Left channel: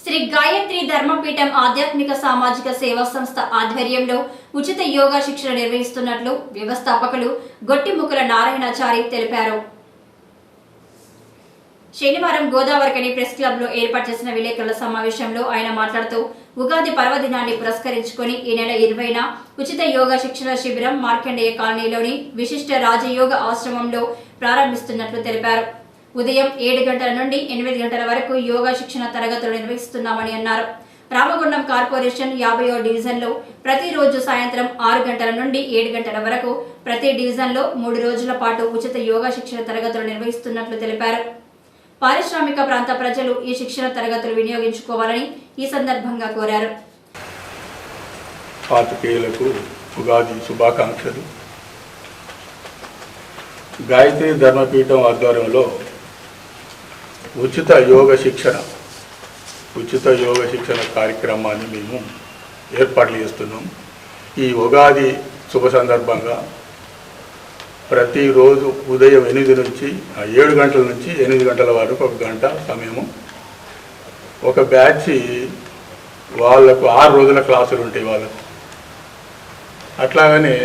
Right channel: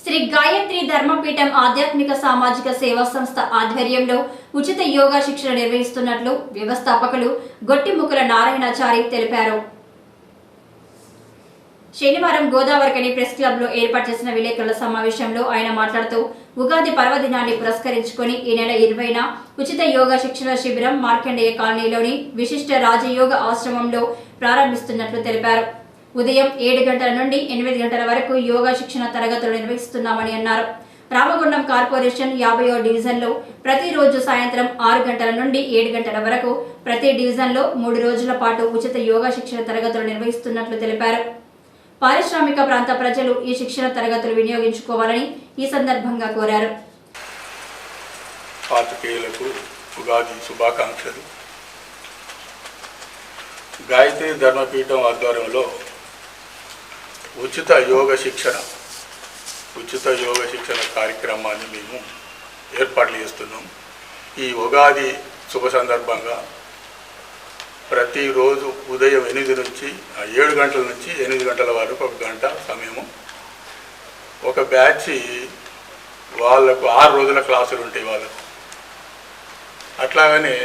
శ్రీ గాయత్రి ధర్మపీఠం ఆధ్యాత్మిక సామాజిక సేవా సంస్థ ఆధ్వర్యంలో ఉచిత యోగా శిక్షణ నిర్వహిస్తున్నట్లు వ్యవస్థాపకులు గొట్టిముకుల నారాయణాచారి తెలిపారు. శనివారం గోదావరికని ప్రెస్ క్లబ్లో ఏర్పాటు చేసిన విలేకరుల సమావేశంలో ఆయన మాట్లాడుతూ ఉగాది పర్వదినాన్ని పురస్కరించుకొని ఈ నెల ఇరవైన ఉచిత యోగా శిక్షణ శిబిరం మార్కండేయ కాలనీలోని విశిష్ట రాజయోగ ఆశ్రమంలో ప్రారంభిస్తున్నట్లు తెలిపారు. ఉదయం ఏడు గంటల నుండి ఎనిమిది గంటల వరకు యోగా శిక్షణ తరగతులు నిర్వహిస్తున్నామని అన్నారు. రామగుండం కార్పొరేషన్ యాభైవ డివిజన్లో ప్రతిరోజు సాయంత్రం ఆరు గంటల నుండి ఏడు గంటల వరకు ప్రతి డివిజన్లో మూడు రోజుల పాటు ఉచిత యోగా శిక్షణ తరగతులు నిర్వహిస్తున్నట్లు తెలిపారు. పారిశ్రామిక ప్రాంత ప్రజలు ఈ శిక్షణ తరగతులు వినియోగించుకోవాలని ఈ సందర్భంగా కోరారు. ఉగాది శుభాకాంక్షలు. గాయత్రి ధర్మపీఠం ఆధ్వర్యంలో ఉచిత యోగ శిక్షణ ఉచిత యోగ శిక్షణ కార్యక్రమాన్ని మేము ఏర్పాట్లు చేస్తున్నాం. ఈ ఉగాది శుభ సందర్భంగా ప్రతిరోజు ఉదయం ఎనిమిది నుంచి ఆ ఏడు గంటల నుంచి ఎనిమిది గంటల వరకు ఒక గంట సమయము. ఒక బ్యాచ్ వాళ్ళకు ఆరు రోజుల క్లాసులు ఉంటాయి వాళ్ళకు. అట్లాగనే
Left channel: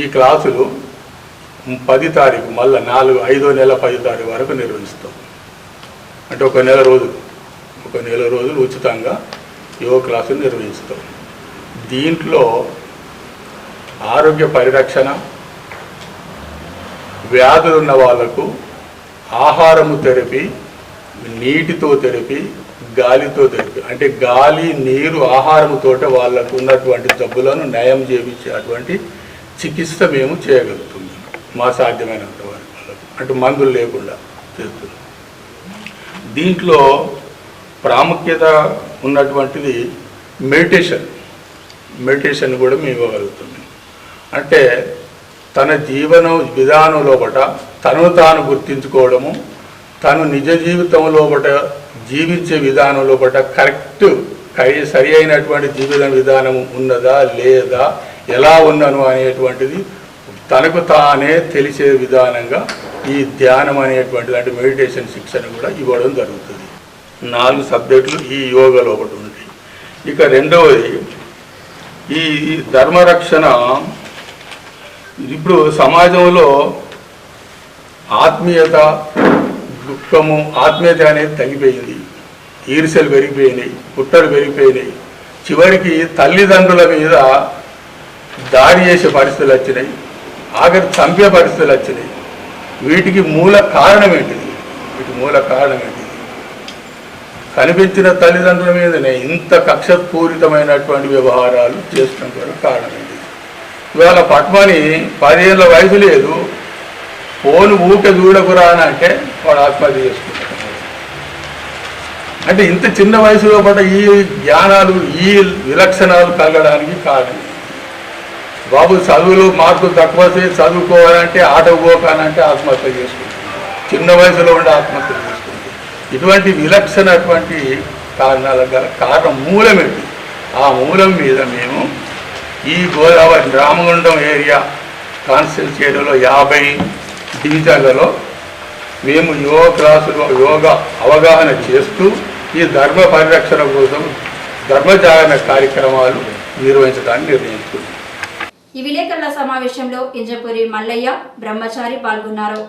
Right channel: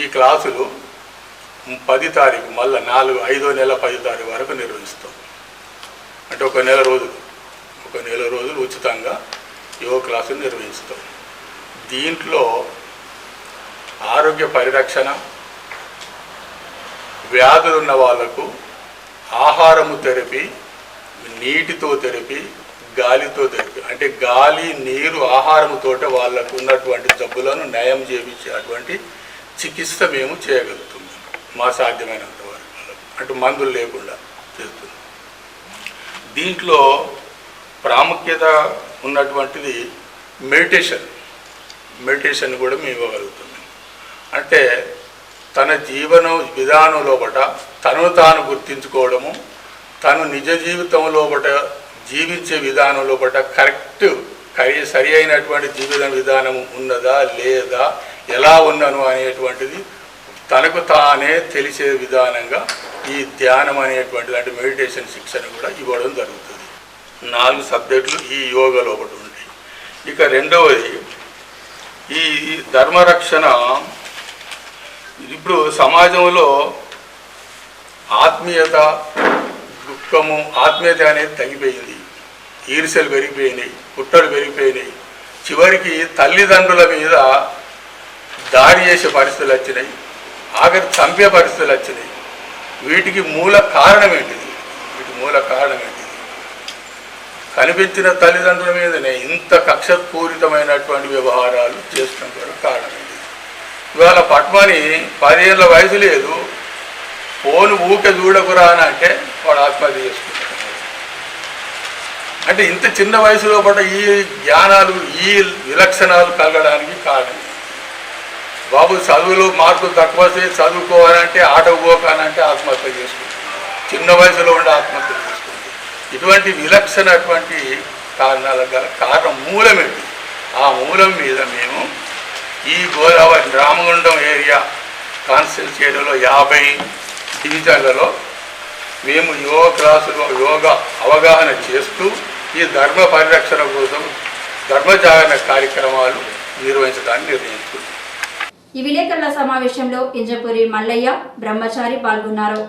ఈ క్లాసులు పది తారీఖు మళ్ళీ నాలుగు ఐదో నెల పది తారీఖు వరకు నిర్వహిస్తాం. అంటే ఒక నెల రోజులు ఒక నెల రోజులు ఉచితంగా యోగ క్లాసులు నిర్వహిస్తాం. దీంట్లో ఆరోగ్య పరిరక్షణ వ్యాధులు ఉన్న వాళ్ళకు ఆహారము తెరపి నీటితో తెరపి గాలితో తెరపి అంటే గాలి నీరు ఆహారముతోట వాళ్ళకు ఉన్నటువంటి జబ్బులను నయం చేయించేటువంటి చికిత్స మేము చేయగలుగుతున్నాం. మా సాధ్యమైనంత వరకు. అంటే మందులు లేకుండా చేస్తున్నాం. దీంట్లో ప్రాముఖ్యత ఉన్నటువంటిది మెడిటేషన్. మెడిటేషన్ కూడా మేము ఇవ్వగలుగుతున్నాం. అంటే తన జీవన విధానంలో లోపట తను తాను గుర్తించుకోవడము తను నిజ జీవితంలో లోపట జీవించే విధానంలో లోపట కరెక్ట్ సరి అయినటువంటి జీవిత విధానం ఉన్నదా లేదా ఎలా ఉన్నాను అనేటువంటిది తనకు తానే తెలిసే విధానంగా ఈ ధ్యానం అనేటువంటి అంటే మెడిటేషన్ శిక్షణ కూడా ఇవ్వడం జరుగుతుంది. నాలుగు సబ్జెక్టులు ఈ యోగాలో ఒకటి ఉంటాయి ఇక రెండవది ఈ ధర్మరక్షణ ఇప్పుడు సమాజంలో ఆత్మీయత దుఃఖము ఆత్మీయత అనేది తగ్గిపోయింది. ఈర్షలు పెరిగిపోయినాయి పుట్టలు పెరిగిపోయినాయి. చివరికి తల్లిదండ్రుల మీద దాడి చేసే పరిస్థితులు వచ్చినాయి. ఆఖరి చంపే పరిస్థితులు వచ్చినాయి. వీటికి మూల కారణం ఏంటిది వీటి మూల కారణం ఏంటిది కనిపించిన తల్లిదండ్రుల మీదనే ఇంత కక్షపూరితమైనటువంటి వ్యవహారాలు చేస్తున్నటువంటి కారణం ఏంటిది ఇవాళ పద్మని పదిహేళ్ళ వయసు లేదు. ఫోన్ ఊకే చూడకురా అని అంటే వాడు ఆత్మహత్య చేసుకుంటాడు. అంటే ఇంత చిన్న వయసులో పడ్డ ఈ జ్ఞానాలు ఈ విలక్షణాలు కలగడానికి కారణం బాబు చదువులో మార్కులు తక్కువ చేసి చదువుకోవాలంటే ఆటో పోకానంటే ఆత్మహత్య చేసుకుంటాడు చిన్న వయసులో ఉండి ఆత్మహత్య చేసుకుంటాడు ఇటువంటి విలక్షణటువంటి కారణాల గల కారణం ఏంటి ఆ మూలం మీద మేము ఈ గోదావరి రామగుండం ఏరియా కాన్స్టిట్యూన్సీ ఏరియాలో యాభై డివిజన్లలో మేము యోగ క్లాసులో యోగా అవగాహన చేస్తూ ఈ ధర్మ పరిరక్షణ కోసం ధర్మచారణ కార్యక్రమాలు నిర్వహించడానికి నిర్ణయించుకుంది ఈ విలేకరుల సమావేశంలో ఇంజపూరి మల్లయ్య బ్రహ్మచారి పాల్గొన్నారు.